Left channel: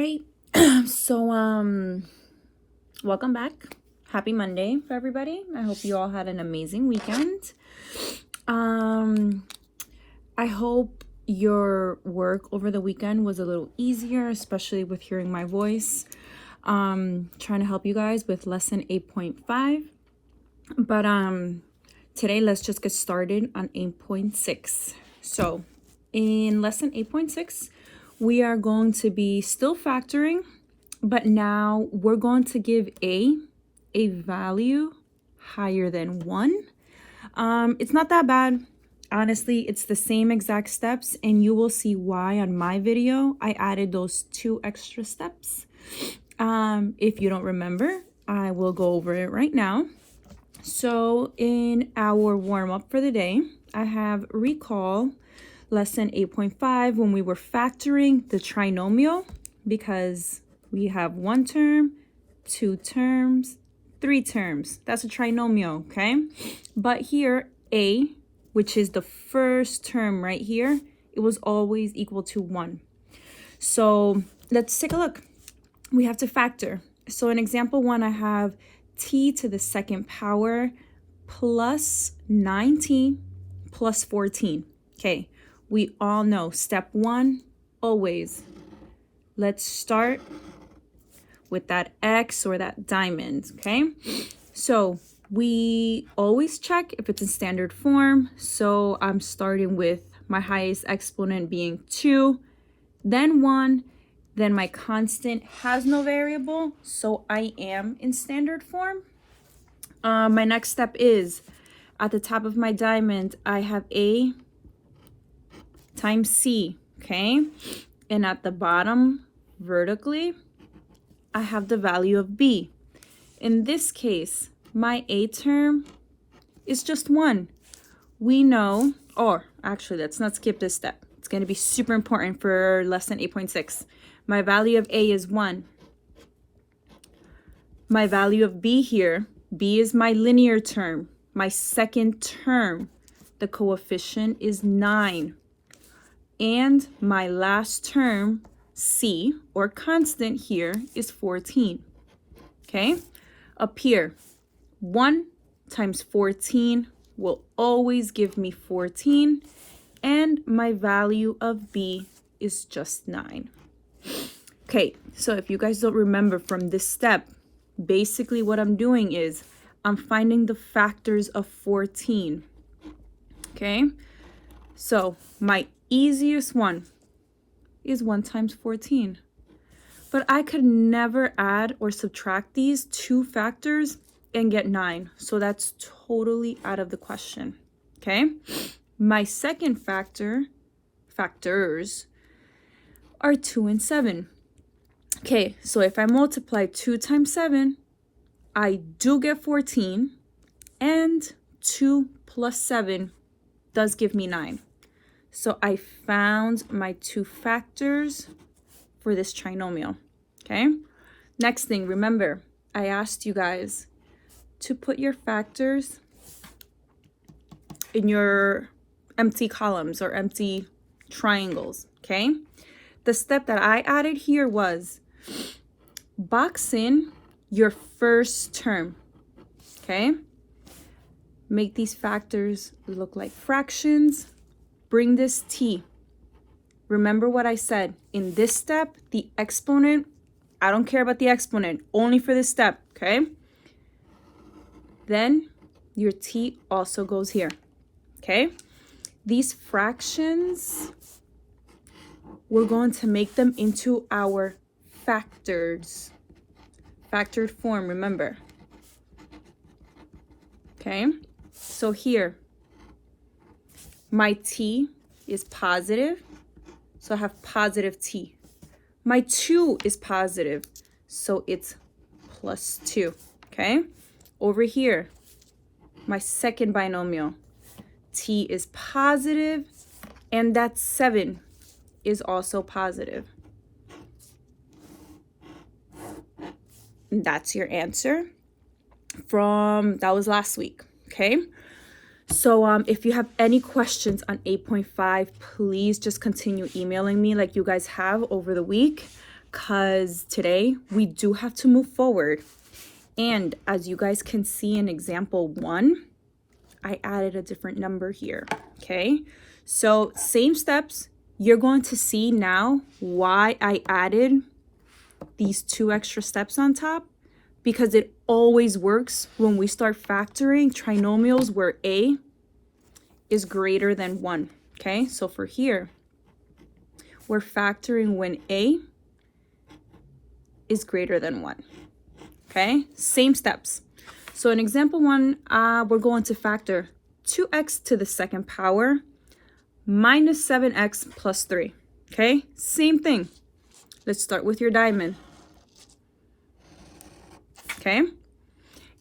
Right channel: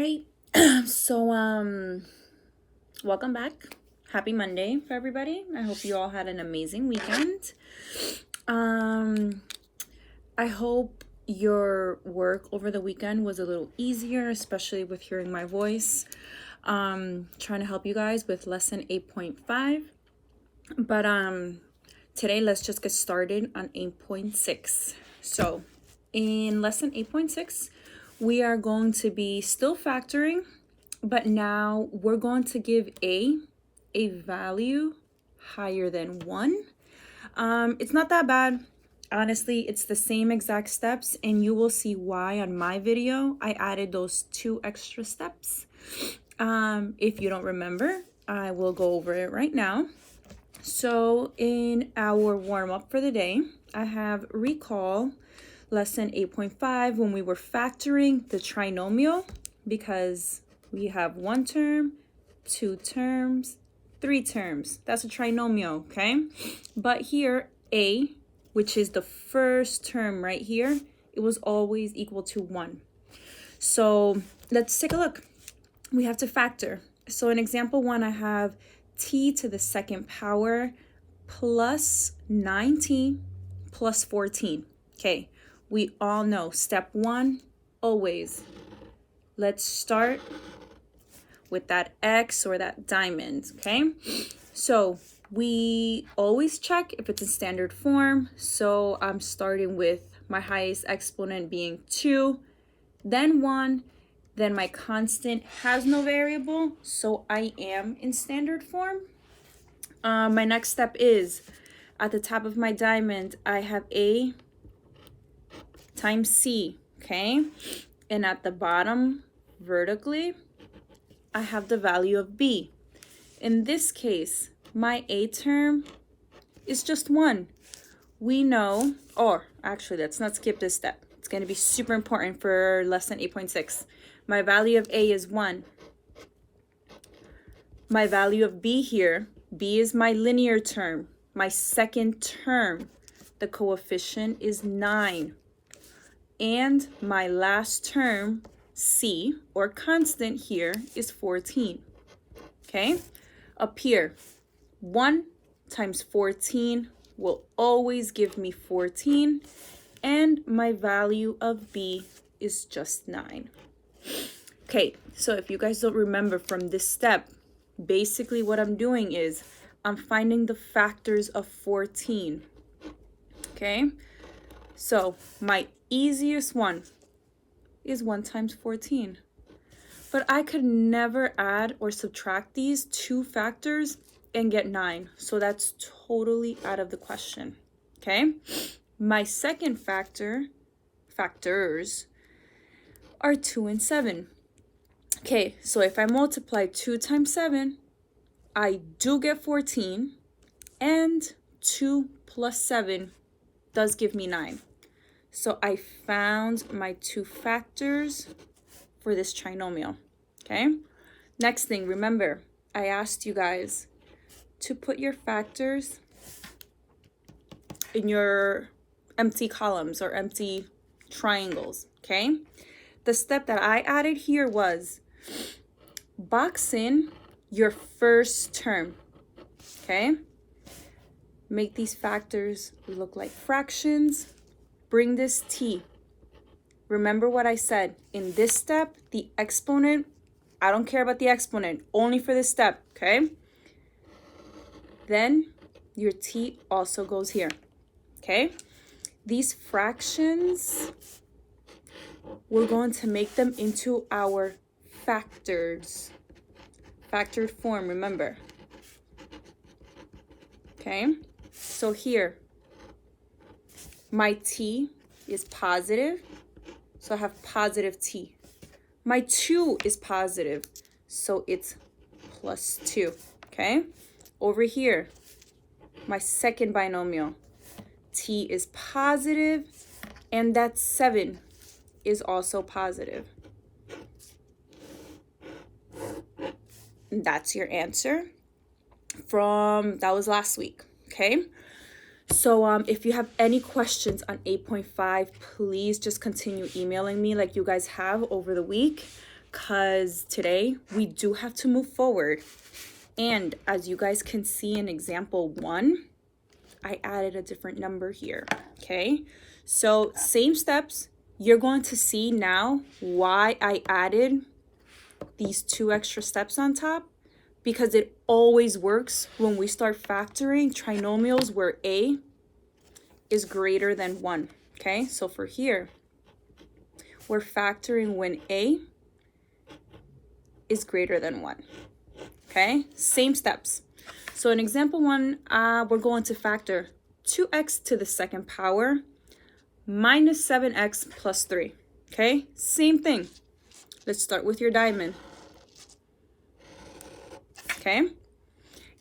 right. So, welcome back. Happy Monday for everybody. I hope you all had an amazing weekend. I hope your work over the weekend was a little easier, especially with hearing my voice. Trying to help you guys with lesson 8.5. But today let's just get started on 8.6. So in lesson 8.6, we are going to be still factoring, but now we're going to give a value higher than 1. It's not that bad. Honestly, it's the same exact steps, and you will see why on my video I added those 2 extra steps. If you don't remember, I will go over it right now. So in our warm-up for the day, I have recall lesson 8.5 when we were factoring the trinomial, because we have 1 term, 2 terms, 3 terms. That's a trinomial, okay? But here, a, which is the first term right here, it was always equal to 1. So let's take a look. We have to factor. So in example 1, I have t to the 2nd power plus 9t plus 14. Okay, we all know step 1, always. Let's start with that X or that diamond, okay? So we always check if it's in standard form. So I'm starting with my highest exponent being 2, then 1, then my constant has no variable, so I am in standard form. My next step is at the top of my diamond, I have A times C, okay? And at the bottom, vertically, I have the value of B. In this case, my A term is just 1. We know, or actually, let's not skip this step. It's going to be super important for lesson 8.6. My value of A is 1. My value of B here, B is my linear term, my second term. The coefficient is 9. And my last term, C, or constant here, is 14. Okay? Up here, 1 times 14 will always give me 14. And my value of B is just 9. Okay, so if you guys don't remember from this step, basically what I'm doing is I'm finding the factors of 14. Okay, so my easiest one is 1 times 14. But I could never add or subtract these 2 factors and get 9. So that's totally out of the question. Okay, my second factors are 2 and 7. Okay, so if I multiply 2 times 7, I do get 14, and 2 plus 7 does give me 9. So I found my 2 factors for this trinomial, okay? Next thing, remember, I asked you guys to put your factors in your empty columns or empty triangles, okay? The step that I added here was box in your first term, okay? Make these factors look like fractions. Bring this t. Remember what I said. In this step, the exponent, I don't care about the exponent, only for this step, okay? Then your t also goes here, okay? These fractions, we're going to make them into our factors. Factored form, remember. Okay, so here, my t is positive, so I have positive t. My 2 is positive, so it's plus 2, okay? Over here, my second binomial, t is positive, and that 7 is also positive. And that's your answer that was last week, okay? So if you have any questions on 8.5, please just continue emailing me like you guys have over the week. because today we do have to move forward. And as you guys can see in example 1, I added a different number here, okay? So same steps. You're going to see now why I added these 2 extra steps on top, because it always works when we start factoring trinomials where a is greater than 1, okay? So for here, we're factoring when a is greater than 1, okay? Same steps. So in example 1, we're going to factor 2x to the 2nd power minus 7x plus 3, okay? Same thing. Let's start with your diamond, okay?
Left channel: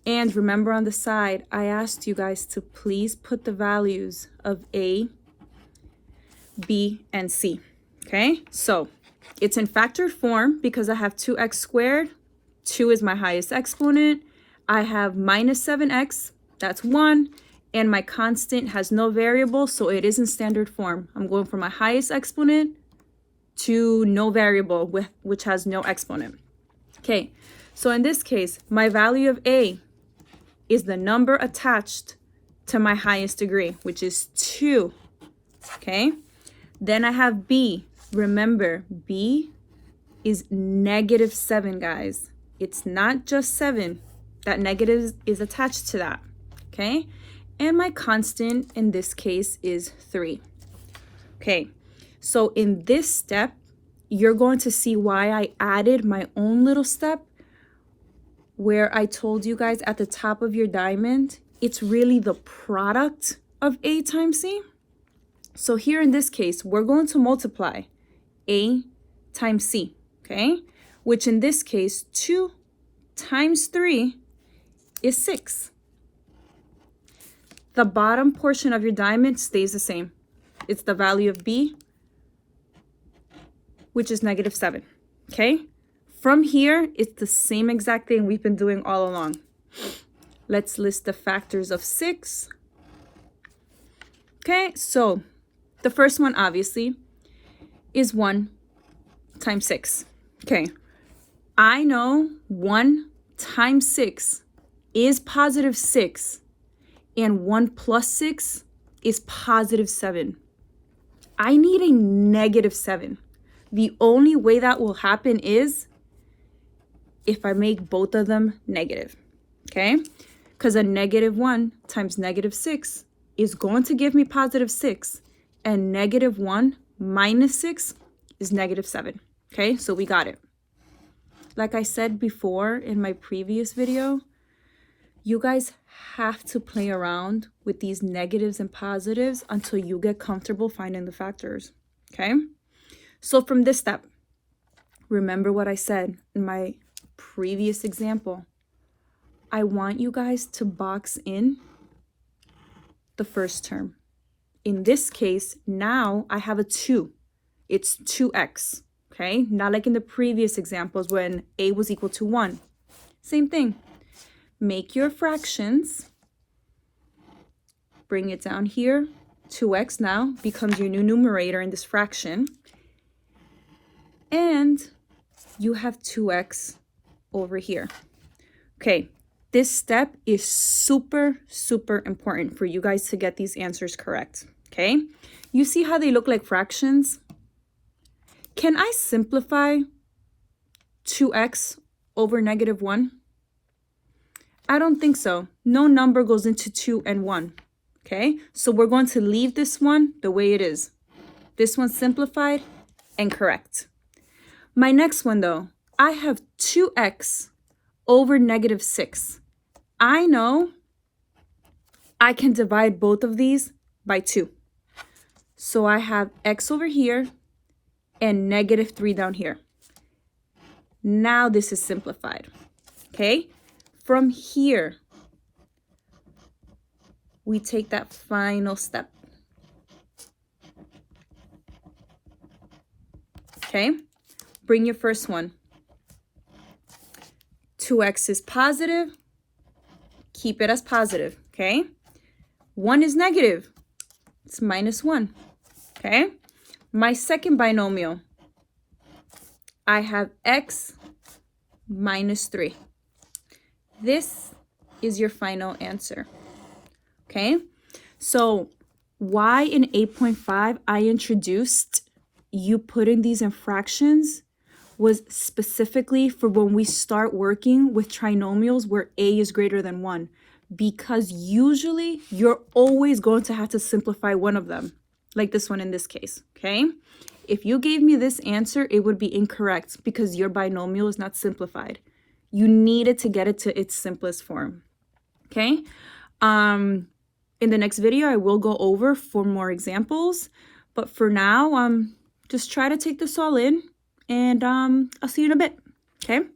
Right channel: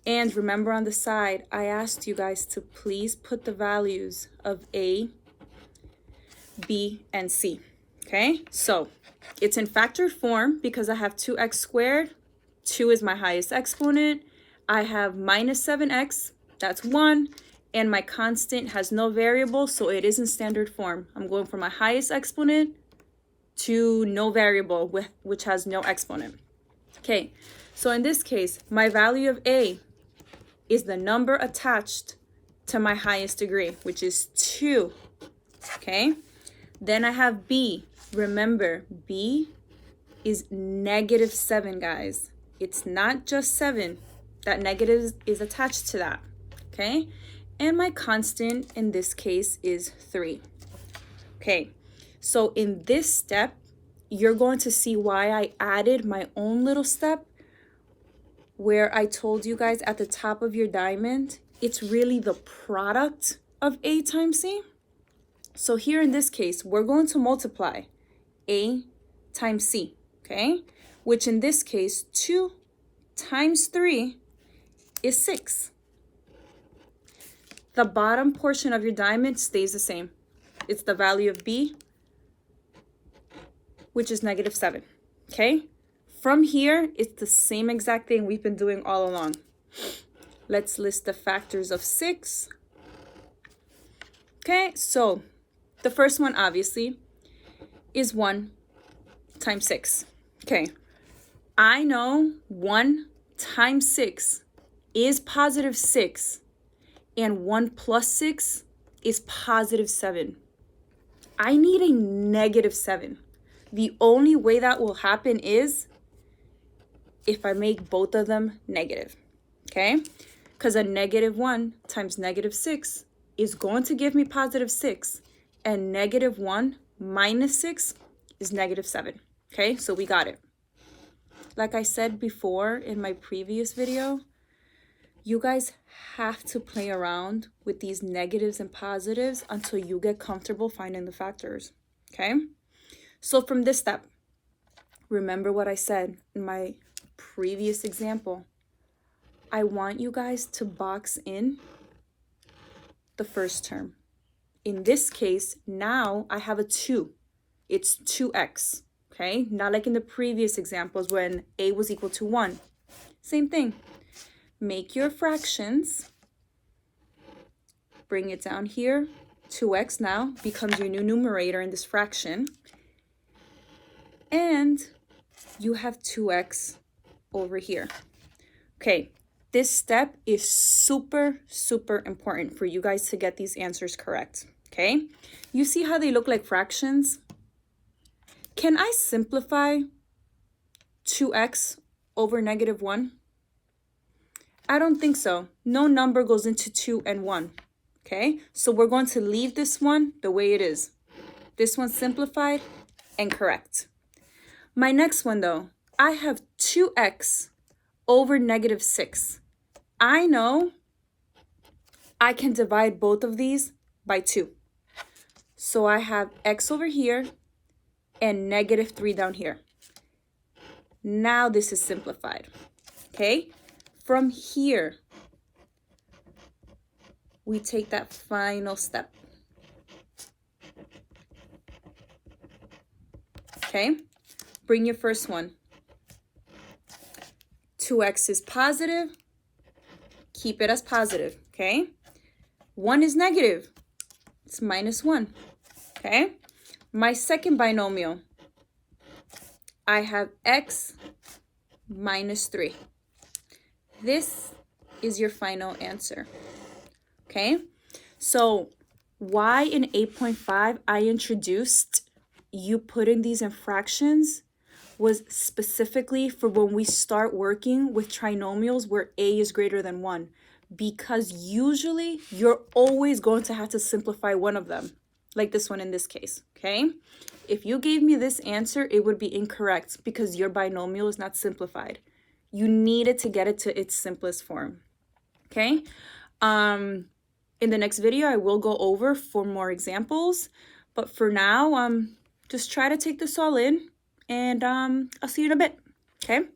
And remember on the side, I asked you guys to please put the values of a, b, and c, okay? So it's in factored form because I have 2x squared. 2 is my highest exponent. I have minus 7x, that's 1, and my constant has no variable, so it is in standard form. I'm going from my highest exponent to no variable, which has no exponent. Okay, so in this case, my value of a is the number attached to my highest degree, which is 2, okay? Then I have b. Remember, b is negative 7, guys. It's not just 7. That negative is attached to that, okay? And my constant in this case is 3. Okay, so in this step, you're going to see why I added my own little step where I told you guys at the top of your diamond, it's really the product of a times c. So here in this case, we're going to multiply a times c, okay? Which in this case, 2 times 3 is 6. The bottom portion of your diamond stays the same. It's the value of b, which is negative 7, okay? From here, it's the same exact thing we've been doing all along. Let's list the factors of 6. Okay, so the first one, obviously, is 1 times 6. Okay, I know 1 times 6 is positive 6, and 1 plus 6 is positive 7. I need a negative 7. The only way that will happen is if I make both of them negative, okay? Because a negative 1 times negative 6 is going to give me positive 6, and negative 1 minus 6 is negative 7, okay? So we got it. Like I said before in my previous video, you guys have to play around with these negatives and positives until you get comfortable finding the factors, okay? So from this step, remember what I said in my previous example. I want you guys to box in the first term. In this case, now I have a 2. It's 2x, okay? Not like in the previous examples when a was equal to 1. Same thing. Make your fractions. Bring it down here. 2x now becomes your new numerator in this fraction. And you have 2x over here. Okay, this step is super, super important for you guys to get these answers correct, okay? You see how they look like fractions? Can I simplify 2x over negative 1? I don't think so. No number goes into 2 and 1, okay? So we're going to leave this one the way it is. This one's simplified and correct. My next one though, I have 2x over negative 6. I know I can divide both of these by 2. So I have x over here and negative 3 down here. Now this is simplified, okay? From here, we take that final step, okay? Bring your first one. 2x is positive. Keep it as positive, okay? 1 is negative. It's minus 1, okay? My second binomial, I have x minus 3. This is your final answer. Okay, so why in 8.5 I introduced you putting these in fractions was specifically for when we start working with trinomials where a is greater than 1, because usually you're always going to have to simplify one of them, like this one in this case. Okay, if you gave me this answer, it would be incorrect because your binomial is not simplified. You needed to get it to its simplest form. Okay, in the next video I will go over 4 more examples, but for now just try to take this all in, and I'll see you in a bit. Okay.